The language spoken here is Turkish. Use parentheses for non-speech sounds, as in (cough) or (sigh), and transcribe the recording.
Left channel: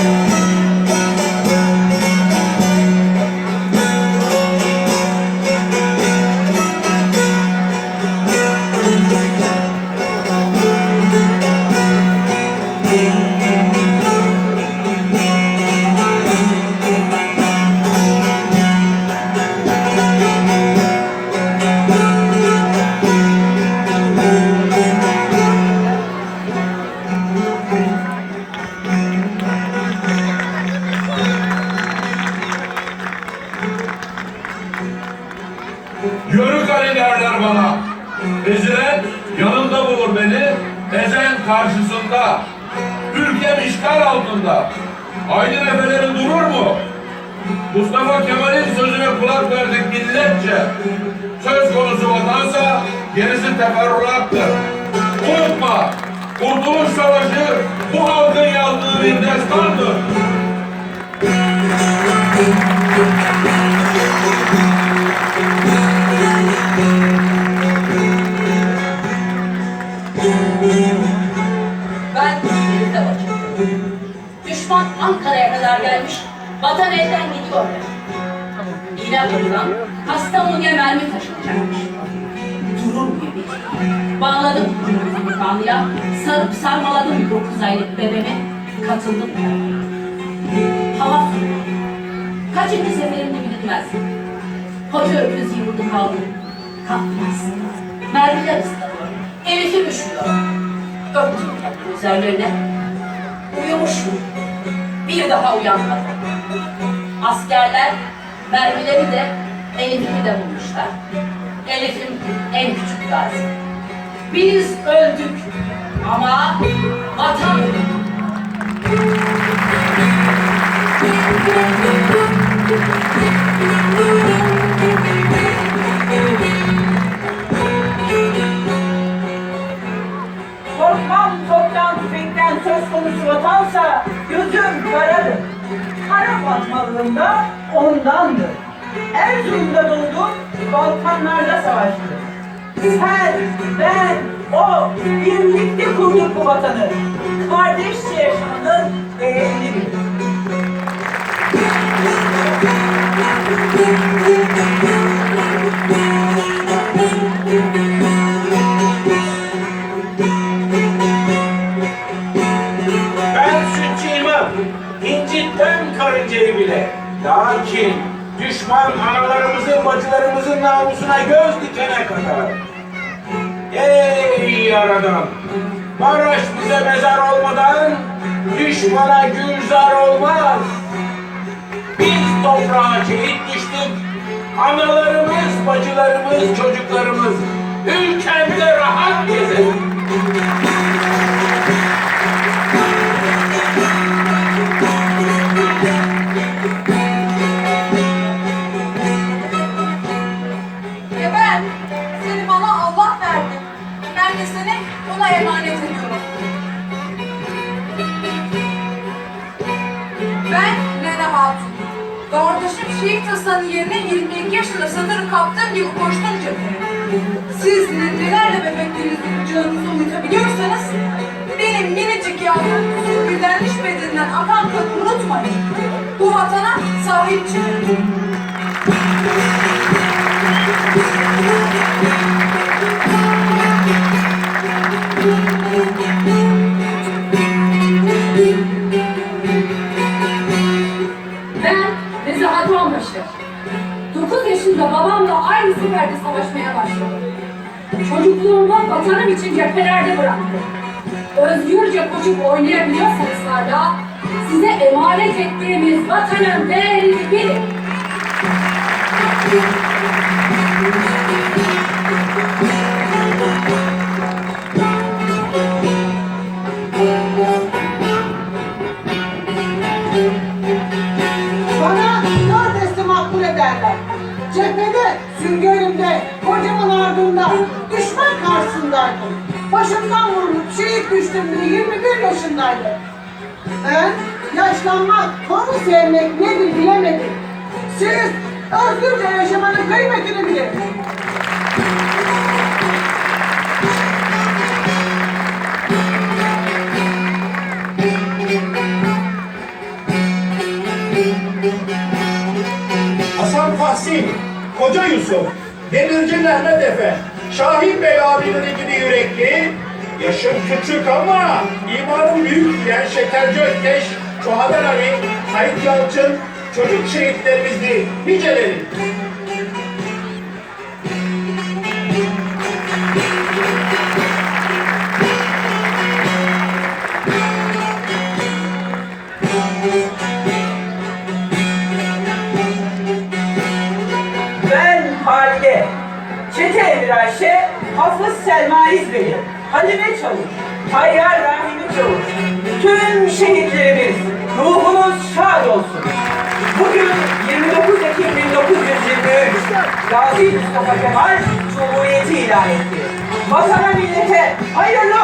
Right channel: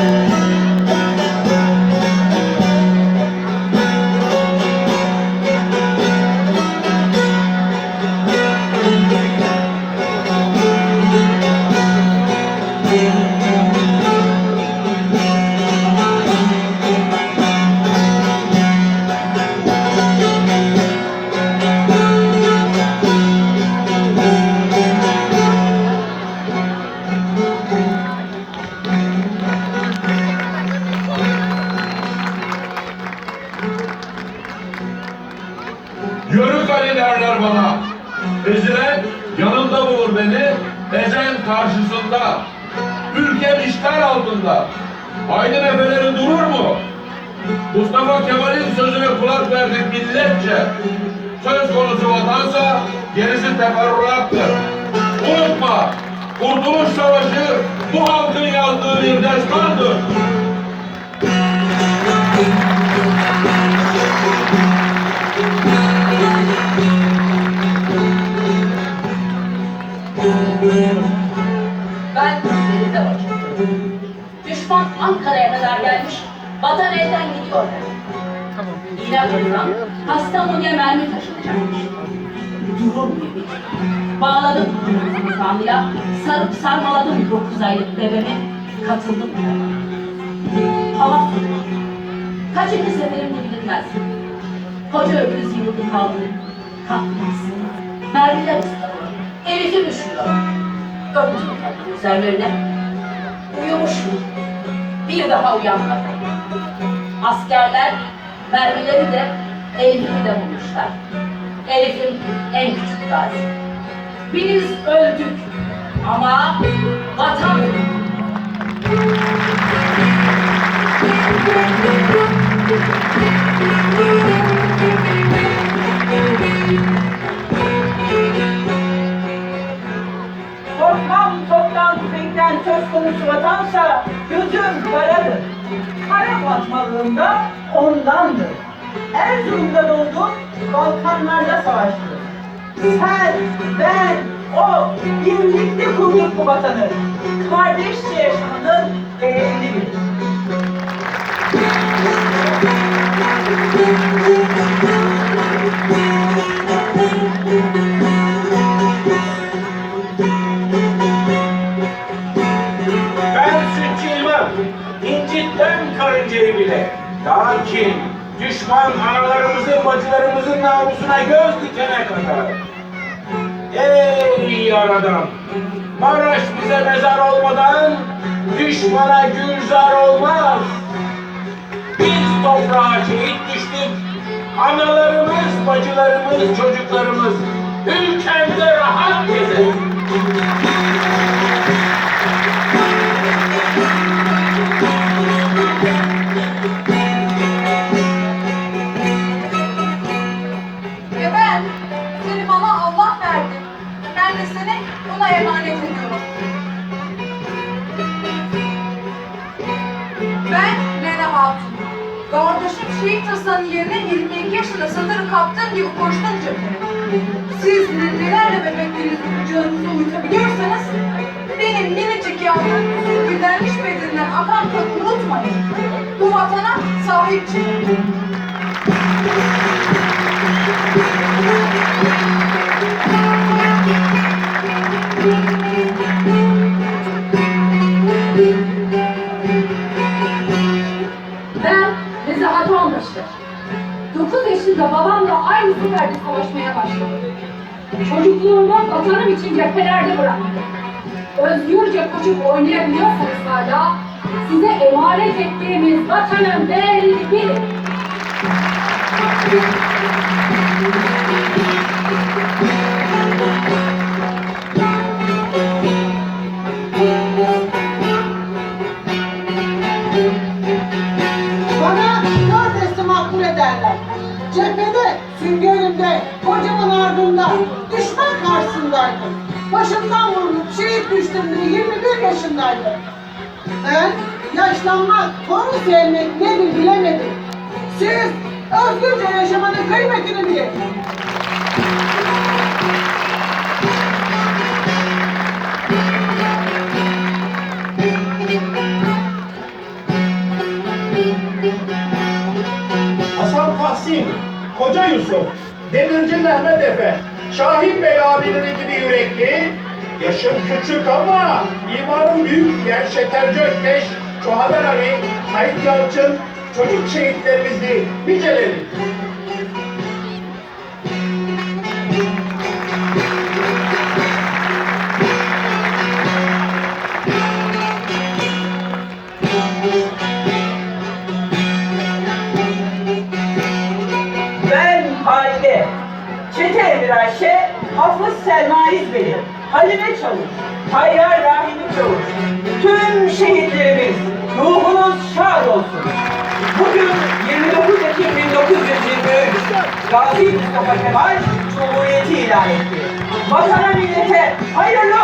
Amen. Yörük Ali derler bana. Ezilen yanında bulur beni. Ezen karşısında. Ülkem işgal altında. Aynı efeleri durur mu? Mustafa Kemal'in sözüne kulak verdik milletçe. Söz konusu vatansa gerisi teferruattır. Unutma, Kurtuluş Savaşı bu halkın Ben de Düşman Ankara'ya kadar gelmiş, vatan elden gidiyor. İğne kapıdan Kastamonu'ya mermi taşınacakmış. Durur mu yemin? Bağladım kanlıya, sarıp sarmaladım dokuz aylık bebeğimi, katıldım beraber. Hava. Kaçıncı seferim bu bilinmez. Koca öküz yıldı kaldı. Kalkmaz. Mermiler ıslanıyor. Öptüm kapının üzerlerine. Uyumuşum. Bir daha uyanmadım. Askerler mermileri de Elif'imi de bulmuşlar. Elif'in en küçük gazi. Biz öldük ama fatmalığında ondandır. Erzurum'da doğdum, Balkanlarda savaştım. Sen, ben, o birlikte kurduk bu vatanı. Kardeşçe yaşamanın değerini bil. (laughs) sütçüymem, incitmem karıncayı bile. Lakin düşman analarımızın, bacılarımızın namusuna göz dikene kadar. Ey yaradan! Maraş bize mezar olmadan düşmana gülzar olmaz. Biz toprağa şehit düştük. Analarımız, bacılarımız, çocuklarımız ülkemde rahat gezer. Ben Nene Hatun. Kardeşim Şehit Hasan'ın yerine 22 yaşında satır kaptığım gibi koştum cepheye. Siz nelerle bebeklerinizi kucağınızda uyutabiliyorsanız benim minicik yavrum sürgülenmiş bedeninden akan kanı unutmayın. Bu vatana sahip çıkın. Seferde savaşmaya başladım. Çocukluğumu vatanım için cephelerde bıraktım. Özgürce koşup oynayabiliyorsanız hala size emanet ettiğimiz vatanın değerini bilin. Bana Cephede, süngörümde, kocamın ardında, düşman karşısındaydım. Başımdan vurulup şehit düştüğümde 21 yaşındaydım. Ben yaşlanmak, konu sevmek nedir bilemedim. Siz özgürce yaşamanın kıymetini bilin. Koca Yusuf, Demirci Mehmet Efe, Şahin Bey abinin gibi yürekli, yaşım küçük ama imanım büyük diyen Şekerci Ökkeş, Çohaber Ali, Sait Yalçın, çocuk şehitlerimizi niceleri. Çete Emir Ayşe, Hafız Selma İzbeli, Halime Çavuş, Tayyar Rahimi Çavuş, tüm şehitlerimiz ruhunuz şad olsun. Bugün 29 Ekim 1923 Gazi Mustafa Kemal Cumhuriyeti ilan etti. Vatana millete hayırlı